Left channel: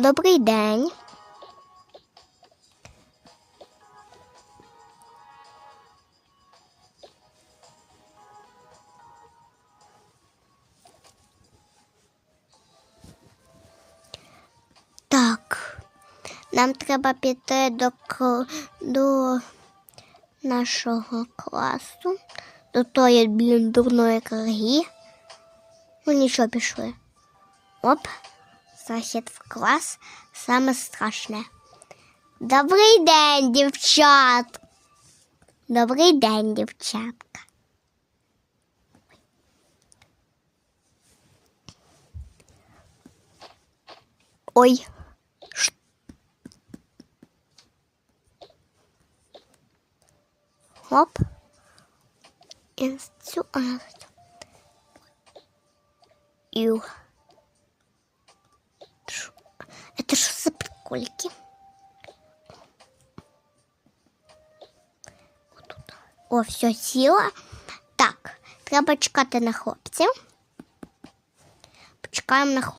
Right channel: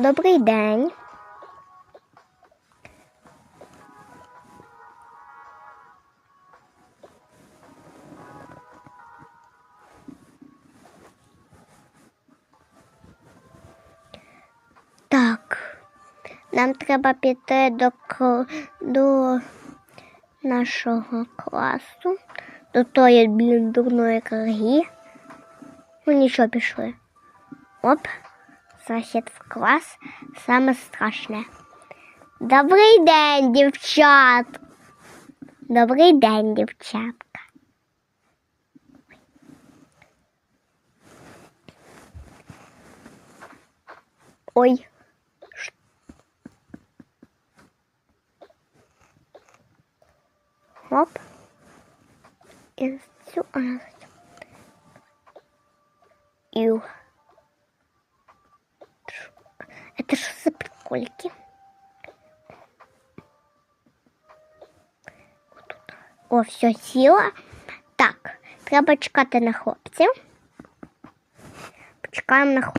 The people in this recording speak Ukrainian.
Добрий день. Так, нам треба піти до, до нашого класу, до тої, блін, дурної карги. Ну нічого пішли. Оп, захід в клас саме страшне. Добрий день, дівчат. Добрий день, дівчатка. Ой. Ш- Оп. І цю. Ю. за прикольки? О, все, сіла. Так, треба чекати на хлопців. Почекаємо на хлопців.